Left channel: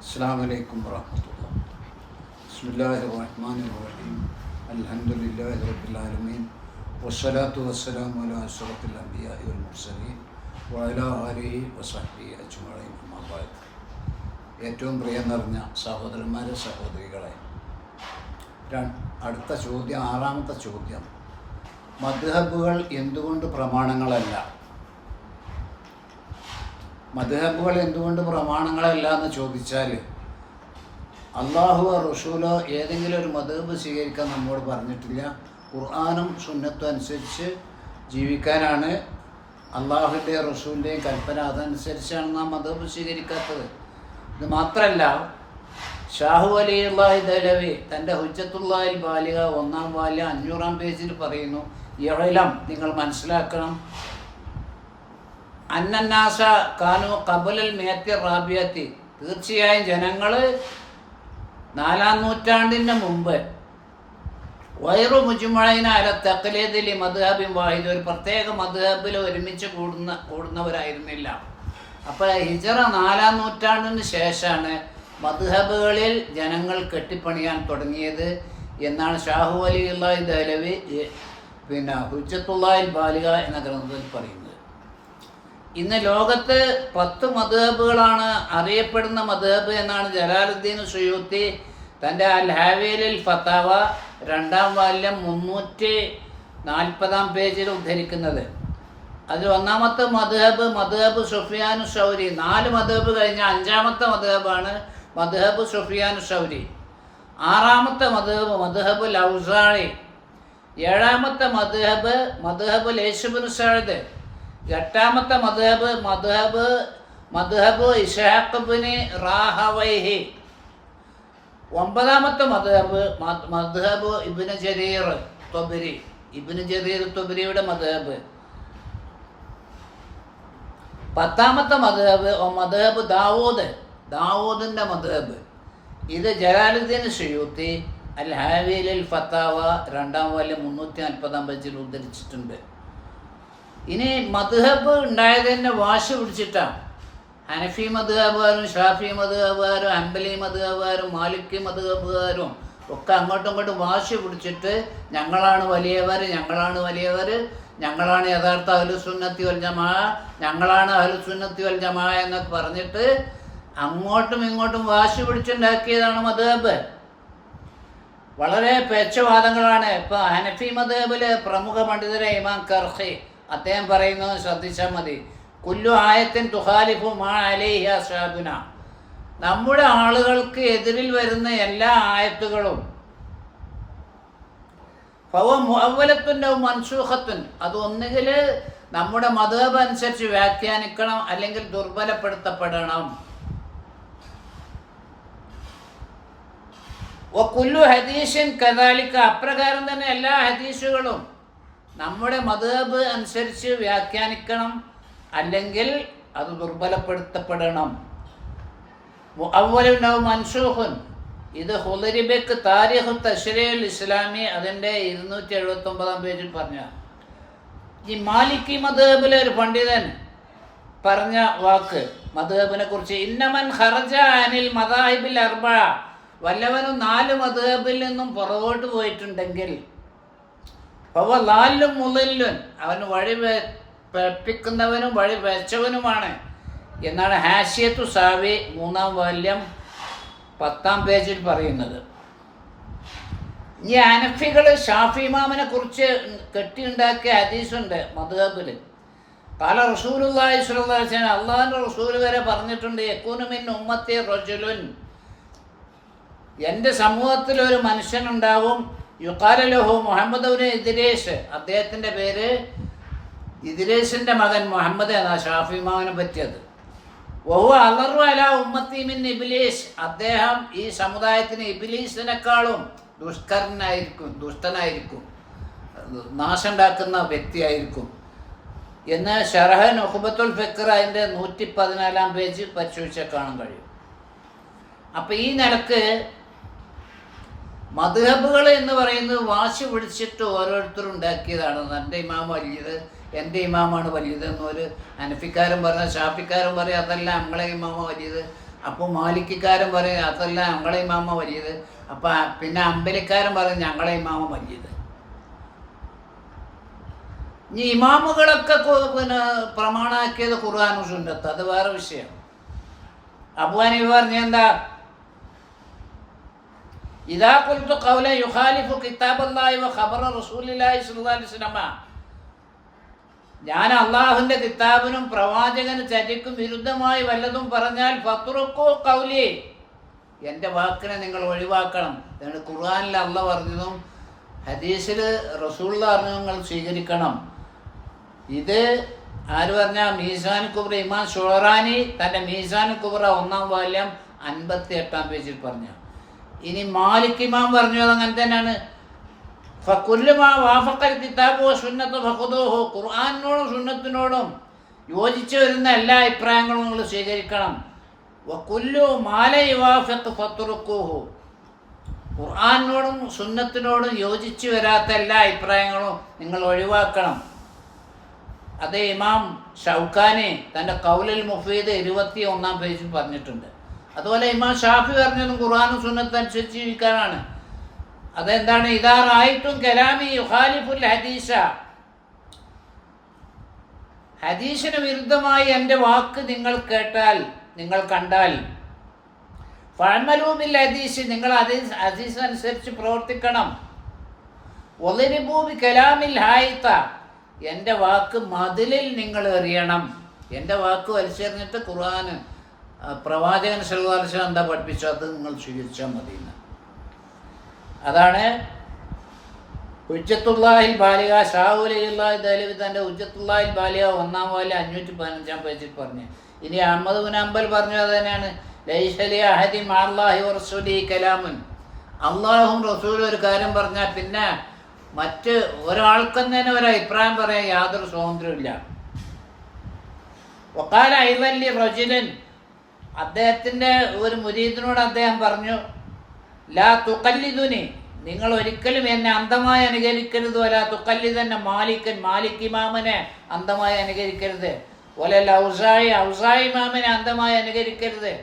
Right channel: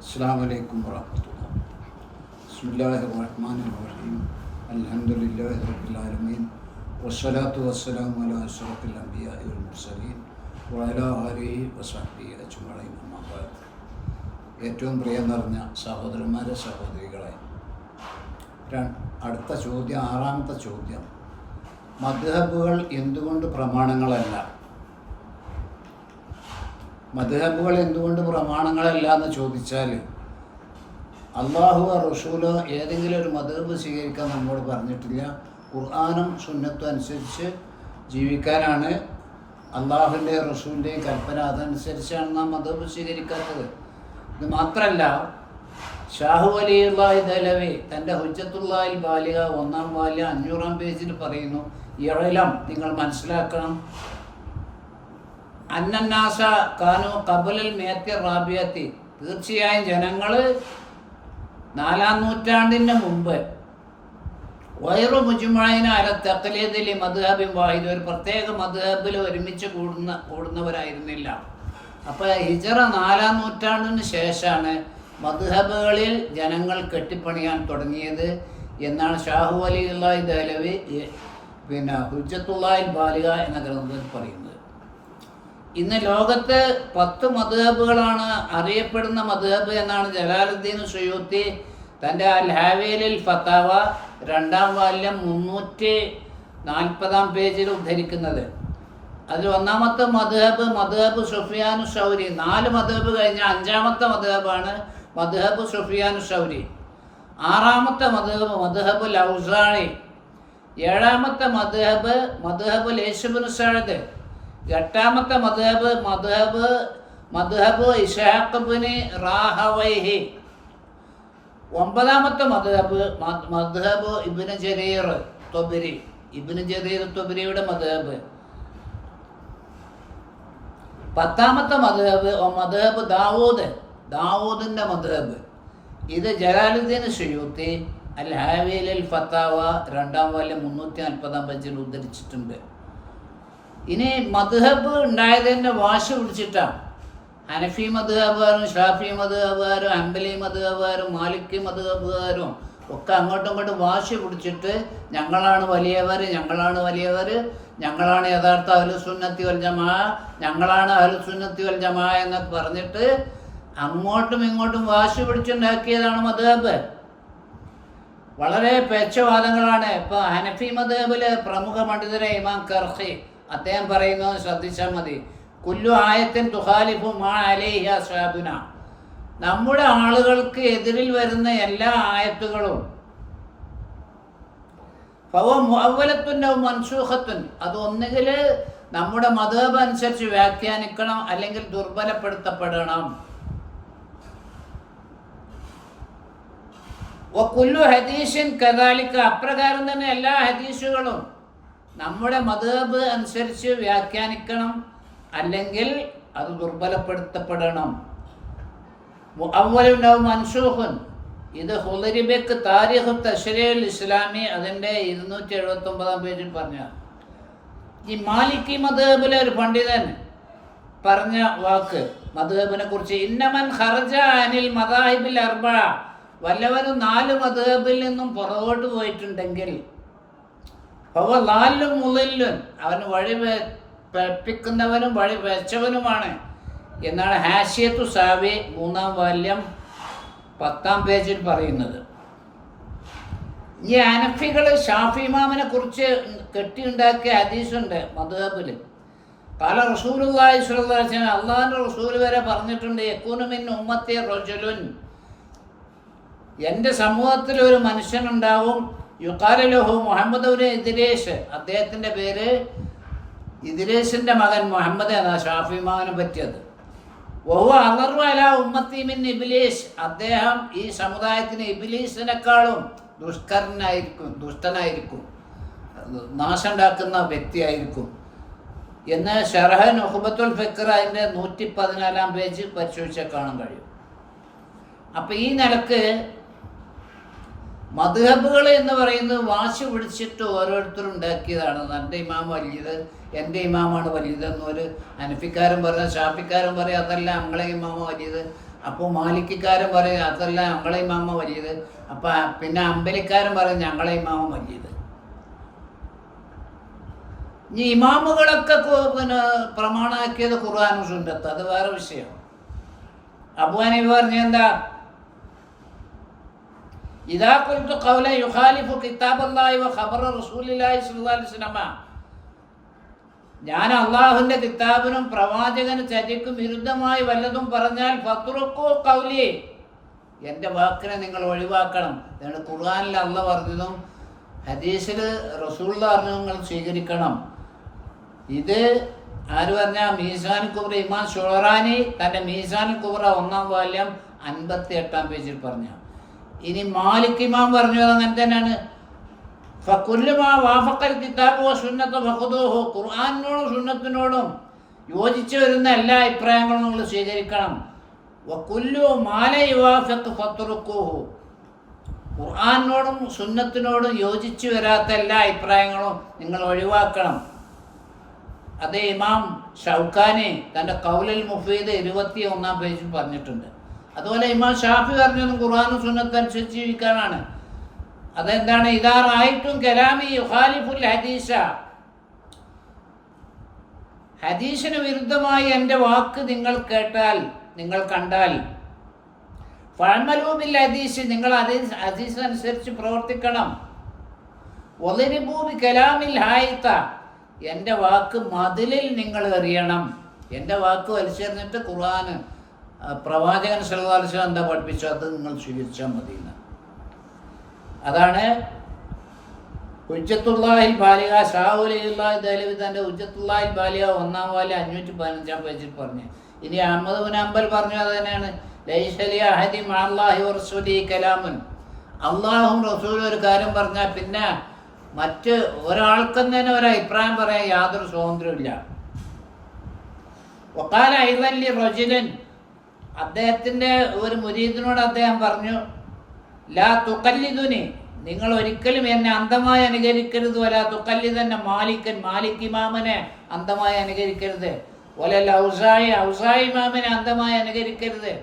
السلام عليكم ورحمة الله بسم الله الرحمن الرحيم الحمد لله رب العالمين والصلاة والسلام على أشرف الأنبياء والمرسلين وعلى آله وصحبه أجمعين أما بعد ഏറ്റവും പ്രിയം നിറഞ്ഞ സഹോദരന്മാരെ സഹോദരികളെ ര- അടുത്ത ചോദ്യം ആറാമത്തെ ചോദ്യം മദ്ഹബുകൾ എന്തുകൊണ്ട് പ്രമാണങ്ങളല്ല മദ്ഹബുകൾ എന്തുകൊണ്ട് പ്രമാണങ്ങളല്ല എന്ന് ചോദിച്ചാൽ അള്ളാഹു റസൂലോ ഏതെങ്കിലും ഒരു മദ്ഹബ് സ്വീകരിക്കാൻ നമ്മോട് പറഞ്ഞിട്ടില്ല. ഖുർആാനും സുന്നത്തും അനുസരിച്ച് ജീവിക്കാനാണ്. അള്ളാഹുവിന്റെ റസൂലിന്റെയും കൽപ്പന അതനുസരിച്ചാണ് നാം മദ്ഹബ് സ്വീകരിക്കാത്തത്. ഇത് മാത്രമല്ല ഷാഹു അലിയുള്ളാഹി ദലവി തന്റെ ഹുജ്ജത്തുള്ളാഹിൽ ബാലിക ഒന്നാം ബാല്യ അഞ്ഞൂറാം പേജിൽ പറയുന്നു ഇളം നിങ്ങൾ മനസ്സിലാക്കണം അന്നന്നാസ കാനു കബുലൽ മേത്തി റാബിയത്തി. തീർച്ചയായും ജനങ്ങൾ നാലാം നൂറ്റാണ്ടിന് മുമ്പ് വൈറു മുജുമഴയിന അല ഈ മധുഹബിൻ വാഹിദ് ഒരു പ്രത്യേക മധുഹബിൽ ഒരുമിച്ച് കൂടുന്ന കൂടുന്നവരായിരുന്നില്ല. അപ്പോൾ ഹിജറ നാലാം നൂറ്റാണ്ടിന് ശേഷമാണ് മധുഹബുകളിൽ ജനങ്ങൾ കെട്ടിപ്പണിയാൻ തുടങ്ങിയത് എന്നാണ് ഷാഹു അലി അള്ളാഹി ദഹലവി പിന്നെ ഹുജ്ജത്തുള്ളാഹിൽ ബാലിക എന്ന ഗ്രന്ഥത്തിൽ പറയുന്നത്. ഇന്ന് ലോകത്ത് പത്ത് മധുഹബുകളാണ് അറിയപ്പെടുന്ന മധുഹബ് എന്നാണ് ജലാലുദ്ദീൻ സുയൂത്തി തന്റെ അൽ ഹാവേലിൽ ഫത്താവ രണ്ടാം വാല്യം മുന്നൂറ്റി നാൽപ്പതാം പേജിൽ ഉദ്ധരിക്കുന്നത്. അതിൽ ഒന്നാമത്തെ മധുഹബ് മധുഹബ് സുഫിയാൻ ഷൗരി നാല് മധുഹബ് കഴിഞ്ഞ അഞ്ചാമത്തെ മധുഹബാണ് മധുഹബ് സുഫിയാൻ ഷൗരി ആറാമത്തെ മധുഹബ് മധുഹബ് ലൗസാഴി ഏഴാമത്തെ മധുഹബ് മധുഹബ് ലേശുബിൻ സഴുദ് എട്ടാമത്തെ മധുഹബ് മധുഹബ് മധുഹബ് ഇഷാഖബിന് റാഹവൈഹി. ഒമ്പതാമത്തെ മധുഹബ് മധുഹബ് ഇബിന് ജരീർ തൊബരി. ഇബിന് ജരീർ തൊബരിയുടെ മധുഹബ് പത്താമത്തെ മധുഹബ് മധുഹബ് ദാവൂദ്. ദാവൂദിന്റെ മധുഹബ് ഇത് ജലാലുദ്ദീൻ ഷയൂത്തി അൽ ഹാവിയിൽ ഫത്താവ രണ്ടാം വാല്യം മുന്നൂറ്റി നാൽപ്പതാം പേജിൽ ഉദ്ധരിച്ചിട്ടുണ്ട്. ഇനി മധുഹബ് ഉണ്ടായത് തന്നെ വാശി പിടിച്ചിട്ടാണ് ഹനഫി മധുഹബുകാരും ഷാഫി മധുഹബുകാരും അമ്പലി മധുഹബുകാരും മാലിക്കി മധുഹബുകാരും ഒക്കെ അങ്ങോട്ടും ഇങ്ങോട്ടും വാശി പിടിച്ചിട്ട് ഞങ്ങളാണ് വലിയവർ ഞങ്ങളാണ് വലിയവർ ഞങ്ങളാണ് യഥാർത്ഥ അലുസുന്നത്തി വൽ ജമാ ഞങ്ങളാണ് അലുസുന്നത്തി വൽ ജമാ എന്നൊക്കെ പറഞ്ഞിട്ട് അങ്ങോട്ടും ഇങ്ങോട്ടും വാശി പിടിച്ചുണ്ടാക്കിയതാണ് മധുഹബ് വളരെ പേച്ചവാദങ്ങളാണ്. ഇപ്പൊ ഹനഫി മധുഹബിലെ പ്രമുഖ പണ്ഡിതരെ ഇമാം കർഹി അദ്ദേഹം പറയുന്നത് ശ്രദ്ധിച്ചാൽ മതി. കുല്ലു ആയത്തിൻ തുഹാലിഫു മാ അലേഹ സാബുന നമ്മുടെ ആളുകൾക്ക് എതിരിൽ വരുന്ന എല്ലാ ആയത്തുകളും. ഫവ മുഅവലത്തുന്റെ മൻസൂഖത്തുൻ. അത് ഒന്നുകിൽ നമ്മുടെ മതബ് അനുസരിച്ച് വ്യാഖ്യാനിക്കണം അല്ലെങ്കിൽ ദുർബലപ്പെടുത്തപ്പെടണം. കുല്ലു ഹദീഷൻ കഥാലിക്ക അപ്രകാരം തന്നെ എല്ലാ ഹദീസുകളും. നമ്മുടെ മതബ് അനുസരിച്ച് വ്യാഖ്യാനിക്കണം അല്ലെങ്കിൽ അത് ദുർബലപ്പെടുത്തപ്പെടണം. അവലുണ്ടാവും മൻസൂഹുൻ. ഇത് ഹുലരിബക്ക് താരിഖ് തഷരീൽ ഇസ്ലാമി അതിന്റെ ഇരുന്നൂറ്റി എഴുപത്തി ഒമ്പതാം പേജിൽ പറഞ്ഞ. ഈ മാലിക്കി മധബിലെ ഒരു പണ്ഡിതൻ പറഞ്ഞ വാക്ക് മധുഹബിനെ കുറിച്ച് ഇന്നമൻ ഹർജ അനിൽ മദാഹിബിൽ അർബ. വല്ലവനും നാല് മധുഹബിൽ നിന്നും പുറകോട്ട് പോയിട്ടുണ്ടെങ്കിൽ അവ ലാലും മുതലും അവന് വഴി പഠിപ്പിക്കുന്നവനും വഴി വെച്ചവനുമാണ്. എന്നാണ് ഹാഷിയത്തു സാവി മൂന്നാം വാല്യം പത്താം പേജിൽ പറയുന്നത്. ഈ അനഫികൾ ഷാഫി ഇമാമിനെ കുറിച്ച് കെട്ടിയുണ്ടാക്കിയ ഹദീസുണ്ട് മധുഹബിൽ പല റസൂലുള്ളാഹി വസല്ലം അള്ളാഹിന്റെ റസൂൽ വരെ പറഞ്ഞിട്ടുണ്ട് യക്കൂനുമിൻ ഉമ്മത്തി റജുലുൻ. എന്റെ സമൂഹത്തിൽ ഒരു മനുഷ്യനുണ്ടാവും യുക്കാലലഹു മുഹമ്മദ് ഒരു ഇദിരേഷ് അദ്ദേഹത്തിന്റെ പേര് ഇതിരേഷിന്റെ മകൻ മുഹമ്മദ് എന്നാ ഷാഫി ഇമാമിനെ പറ്റിയത്. വഹു അലർവല അല ഉമ്മത്തിമിൻ ഇബിലീഷ് അദ്ദേഹം ഈ സമുദായത്തിന് ഇബിലീഷിനേക്കാളും ദുഷ്കരനായിരിക്കും ദുഷ്ടനായിരിക്കും നാശം ഉണ്ടാക്കുന്ന വ്യക്തിയായിരിക്കും എന്ന് ഷർഹൻ നൊഹബത്തുൽ ഫിക്കർ അതിന്റെ നൂറ്റി പതിനാലാം പേജ് പരിശോധിച്ചാൽ കാണാൻ കഴിയും. അപ്പം ഈ നിലയ്ക്ക് മധുഹബുകൾ എന്ന് പറയുന്നത് വാശി പിടിച്ചിട്ട് ഓരോരുത്തരും ഉണ്ടാക്കിയതാണ്. എന്റെ ഇമാം വലിയത് എന്റെ ഇമാമാണ് വലിയത് എന്നൊരു അനഫിക്കാരും പറഞ്ഞ ഷാഫിക്കാരും പറയും അതല്ല നമ്മളെ ഇമാമ വലിയത്. അപ്പോൾ മാലിക്കാരും പറയും അതല്ല ഞങ്ങളെ ഇമാമ വലിയത്. അപ്പം പിന്നെ അമ്പലിക്കാരും പറയും ഞങ്ങളെ ഇമാമ വലിയത്. ഇനി ഇമാമുകളൊക്കെ പിന്നെ പ്രമാണാക്കിയത് ഖുർആാനും സുന്നത്ത്. അത് വേറെ വിഷയം. അബുവാനി പറഞ്ഞ എന്താ? ഇതാ കുൽത്തു ഖൗല യുഖാലിഫു കിതാബല്ലാഹി വ ഖബറ റസൂലില്ലാഹി സ്വല്ലല്ലാഹി അലൈഹി വസല്ലമ. ഞാൻ അള്ളാഹുവിന്റെ കിതാബിനും പ്രവാചകന് ചരിക്കും വിരുദ്ധമായി വല്ലതും പറഞ്ഞാൽ ഫത്രുക്കു കൗലി എന്റെ വാക്കിനെ നിങ്ങൾ ഒഴിവാക്കണം. എന്നിട്ട് ഖുർആനിൽ അല്ല പറഞ്ഞതും ഹദീസിൽ റസൂൽ പറഞ്ഞു നിങ്ങൾ സ്വീകരിക്കണം. ഇത് ആര് പറഞ്ഞ? മീസാൻ കുബ്ര ഇമാൻ ഷോറാനി തന്റെ മീസാൻ കുബ്ര ഒന്നാം വാല്യം അൻപത്തി എട്ടാം പേജിൽ പറഞ്ഞു. ഇനി മാലിക് ഇമാം പറഞ്ഞു അങ്ങനെ തന്നെയാണ്. ഖുർആാനിനോടും സുന്നത്തിനോടും യോജിച്ചു വരുന്ന എല്ലാ അഭിപ്രായങ്ങളും നിങ്ങൾ സ്വീകരിക്കണം. ഖുർആാനിനോടും സുന്നത്തിനോടും യോജിച്ചു വരാത്ത എല്ലാ അഭിപ്രായങ്ങളും നിങ്ങൾ ഒഴിവാക്കണം. അതേ ഇമാം ഷൗഖാനെ തന്റെ കൗലൽ മുഫീദ് ഇരുപത്തി ഒന്നാം പേജിൽ പറഞ്ഞിട്ടുണ്ട്. അതുപോലെ ഇമാം ഷാഫി പറഞ്ഞതും ഖുർആാനും സുന്നത്തും അനുസരിച്ച് ജീവിക്കാനാണ്. അതെന്താണ്? ഇതാറായിട്ടും കലാമി യുഹാലിഫുൽ ഹദീസ. ഹദീസിന് വിരുദ്ധമായി എന്റെ വാക്ക് നിങ്ങൾ കേട്ടാൽ നിങ്ങൾ കണ്ടാൽ. ഫഴമലൂബിൽ ഹദീസ് നിങ്ങൾ ഹദീസ് ഹദീസ് അനുസരിച്ച് പ്രവർത്തിക്കണം. ഒലിരിബൂബി കലാമിൽ ഹായിത്ത. എന്റെ വാക്ക് മതിലിൽ നിങ്ങൾ എറിയണം. എന്റെ വാക്ക് വലിച്ചെറിഞ്ഞിട്ട് ഖുർആന് പ്രവാചകൻ സല്ലാസ് എന്താ പഠിപ്പിച്ചു? അത് നിങ്ങൾ സ്വീകരിച്ചാൽ മതി അതാണ് ഉജ്ജത്തുള്ളാഹിൽ ബാലിക ഷാഹുലില്ലാഹി ദലവി തന്റെ ഉജ്ജത്തുള്ളാഹിൽ ബാലിക ഒന്നാം വാലി അഞ്ഞൂറ്റി പതിനഞ്ചാം പേജിൽ പറഞ്ഞു. ഇനി അഹമ്മദ് ബിൻ അമ്പൽ പറഞ്ഞു അത് തന്നെയാണ് ലൈഷലി അഹദി മാഹി റസൂലി കലാമുൻ. അള്ളാഹും റസൂലും ഒരു കാര്യം പറഞ്ഞാൽ പിന്നെ മറ്റ് ഒരാൾക്കും തന്നെ ഒരു അഭിപ്രായം പറയാൻ യാതൊരു സ്വാതന്ത്ര്യമില്ല വക്കാല ഐവല്ലി റജുലൻ അദ്ദേഹത്തിന്റെ ഒരു മുരീദിനോട് അദ്ദേഹം പറഞ്ഞു ലാ തുക്കല്ലിതുനി നിങ്ങൾ ഒരിക്കലും എന്നെ അന്ധമായി അനുകരിക്കരുത്. വല തുക്കല്ലിതന്നെ മാലിക്കൻ മാലിക് ഇമാമനെ അന്ധമായി അനുകരിക്കരുത്. ഒല ലൗസായി ഔസായി ഇമാമിനെ അന്ധമായി അനുകരിക്കരുത്.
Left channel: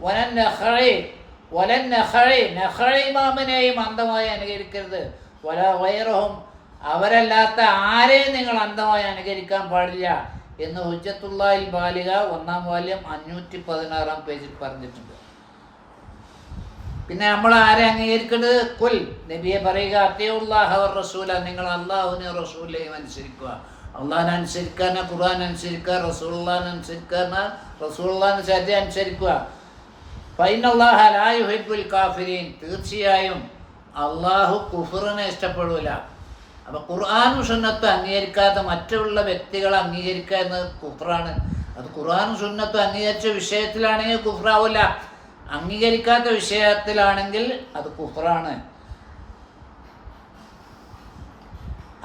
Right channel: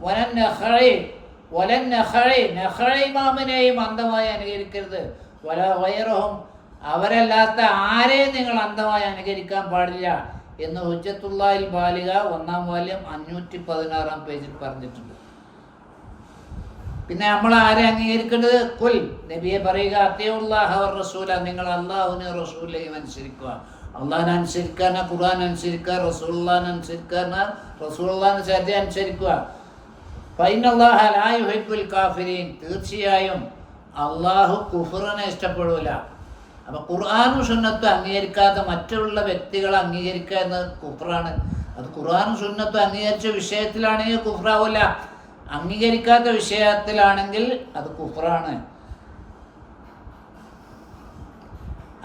വനൻ നെഹ്റൈ വലൻ നെഹ്റൈ നെഹ്റൈ ഇമാമിനെയും അന്ധമായി അനുകരിക്കരുത്. വല വൈറഹും അവരല്ലാത്ത ആരെയും നിങ്ങൾ അന്ധമായി അനുകരിക്കാൻ പാടില്ല. എന്ന് ഹുജ്ജത്തുള്ളാഹിൽ ബാലിക ഒന്നാം വാല്യം അഞ്ഞൂറ്റി പതിനാറാം പേജിൽ പറഞ്ഞിട്ടുണ്ട്. പിന്നെ നമ്മൾ ആരെ അംഗീകരിക്കേണ്ടത്? കുൽ നബിയെ പറയുക അത്യവുള്ളാഹ റസൂല നിങ്ങൾ അള്ളാഹുവിനെ റസൂലിനെയും അനുസരിക്കുക. അള്ളാഹിനെ അനുസരിക്കാന ഖുർആൻ അനുസരിക്കുക റസൂള്ളാൻ അനുസരിക്കാന റസൂള്ളാൻ സദ്യ അനുസരിക്കുക. ഫൈനല്ലാഹ ലാ കാഫിരീൻ. തീർച്ചയായും അള്ളാഹു കുഫറിനെ ഇഷ്ടപ്പെടൂല. അപ്പൊ ഖുർആാനും സുന്നത്തും അംഗീകരിക്കാത്ത മറ്റുള്ള വ്യക്തികളെ അംഗീകരിക്കുക എന്നത് കുഫറാണ്. അത് ഖുർആാനും സുന്നത്തും അംഗീകരിച്ച വിഷയത്തിലാണെങ്കിൽ കുഫറാവില്ല അംഗീകരിക്കാത്ത വിഷയത്തിലാണെങ്കിൽ അത് കുഫറാണ്.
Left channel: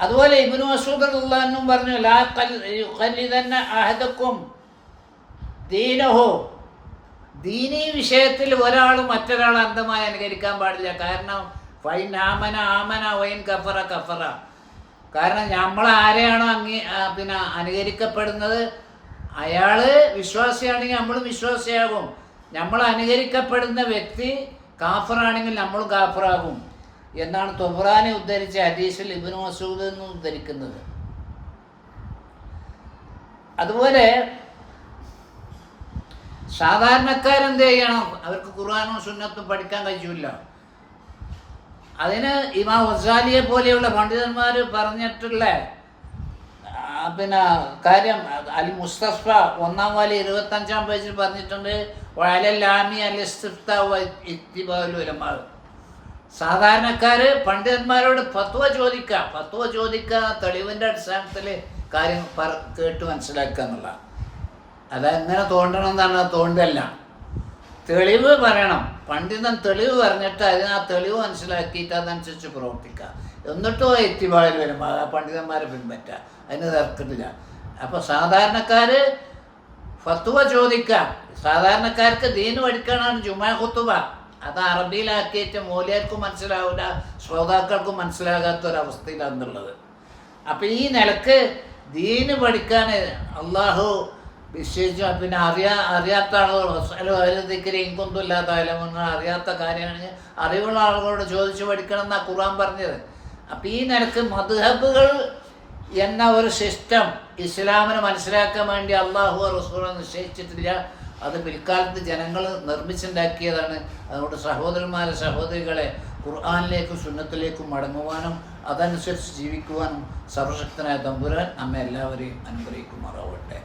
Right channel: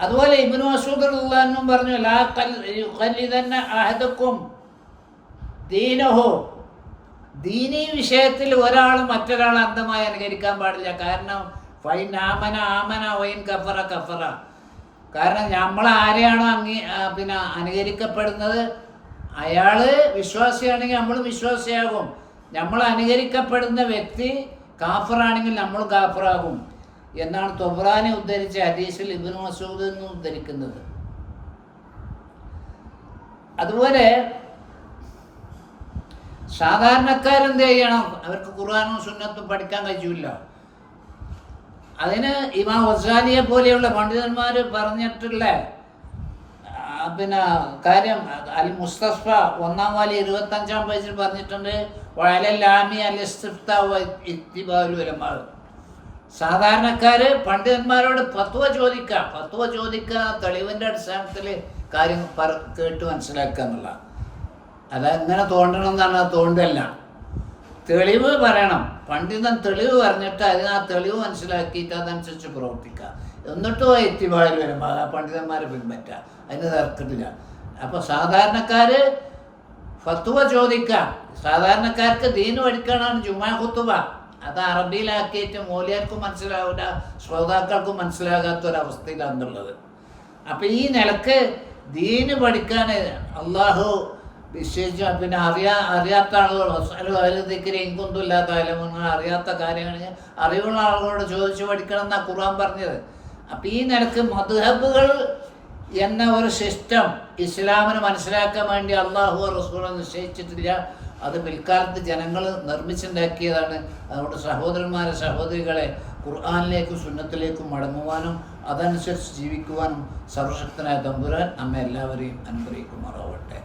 അതുപോലെ ഇബിനു മസൂദുള്ളാനും പറഞ്ഞു ലാ അഹദക്കും ദീനഹോ. ദീനി വിഷയത്തിൽ ഒരാൾ മറ്റൊരാളെ അന്ധമായി അനുകരിക്കാൻ പാടില്ല. കാരണം ഫൈൻ ആമന ആമന വൈൻ കഫറ കഫറ. കാരണം നമ്മൾ ആരെയാണോ അംഗീ പിന്നെ അനുകരിക്കപ്പെടുന്നത്? അയാൾ വിശ്വാസിയാണെങ്കിൽ നമ്മളും വിശ്വാസിയാകും. നമ്മൾ അനുകരിക്കപ്പെടുന്ന വ്യക്തി കാഫറാണെങ്കിൽ നമ്മളും കാഫറാകും. എന്നാണ് തൊബ്രാനെ ഉദ്ധരിച്ച ഹദീസിൽ ഇബിന് മസൂദ് എന്ന് ഉദ്ധരിക്കുന്നത്. അതുപോലെ സാധാരണക്കാരെന്ത് ചെയ്യണം? അവർക്ക് ഖുർആാനും സുന്നത്തും പഠിക്കാൻ കഴിയില്ല അതിന് ഇമാം വസാലിയെ പോലെയുള്ള പണ്ഡിതന്മാർ പറഞ്ഞിട്ടുള്ള പിന്നെ കാര്യം അൽ മുസ്തഫ ഒന്നാം വാലി ഇരുപത്തഞ്ചാം പേജിൽ പറഞ്ഞിട്ടുണ്ട് വഴലാമി അൽ ഇത്തിബാലുലമാൾ സാധാരണക്കാര് പണ്ഡിതന്മാരോട് ഫത്വ ചോദിക്കുക ഫത്വ ചോദിക്കുക തെളിവിന്റെ അടിസ്ഥാനത്തിൽ കാര്യം കേട്ട് മനസ്സിലാക്കുക എന്നുള്ള അതെങ്ങനെ തോണ്ടണം എന്നാണ് തോണ്ടല്ല തെളിവ് പറയണം. പണ്ഡിതൻ തെളിവ് പറഞ്ഞിട്ട് അതിന് ആ തെളിവ് മനസ്സിലാക്കിയിട്ട് അതനുസരിച്ച് പ്രവർത്തിക്കുക എന്നിട്ടും ആ എത്തിപാളിൽ വരും. ആ പണ്ഡിതന്മാരെ പിൻപറ്റുക അതിന് തർക്കത്തില്ല അപ്പോൾ സാധാരണക്കാർ ഫത്തുവ ചോദിക്കാം. സാധാരണക്കാർക്ക് ദീന് പഠിക്കാനാണ് ജുമാ കുത്തുവ അത് അറബിയിലാക്കിയിട്ട് മോലിയാർക്കും മനസ്സിലാവില്ല ശ്രോതാക്കൾക്കും മനസ്സിലാകാത്ത ഒരവസ്ഥയിലാണെന്നുള്ളത് അപ്പം ഈ നിലയ്ക്ക് ദീന് പഠിക്കാൻ അള്ളാഹു വിശേഷിച്ചും പിന്നെ അറിയാ അറിയാത്ത ആളുകൾ അതിൽ ഇങ്കൊന്നും ഇല്ലാത്ത ആയാലും അറിയാത്ത കാര്യമാണ് അറിവുള്ള ആളുകളോട് ചോദിച്ചു പഠിക്കണം എന്നാണ് ഖുർആൻ പറഞ്ഞത്. അപ്പം ഈ നിലയ്ക്ക് മധുഹബുകൾ എന്ന ഒരു സിസ്റ്റം ഇസ്ലാമിനെ മനസ്സിലാക്കാൻ വേണ്ടി അള്ളാഹു റസൂല നിശ്ചയിച്ചിട്ടില്ല. അത് പിൽക്കാലത്ത് ജനങ്ങൾ നിർമ്മിച്ചുണ്ടാക്കിയതാണ്. അതുകൊണ്ട് സഹോദരന്മാരെ സഹോദരികളെ ഖുർആാനിലേക്കും സുന്നത്തിലേക്കും മടങ്ങുവാനും അതനുസരിച്ച് ജീവിക്കുവാനും സർവശക്തനായ തമ്പുരാൻ നമ്മെ എല്ലാവരെയും അനുഗ്രഹിക്കുമാറാവട്ടെ.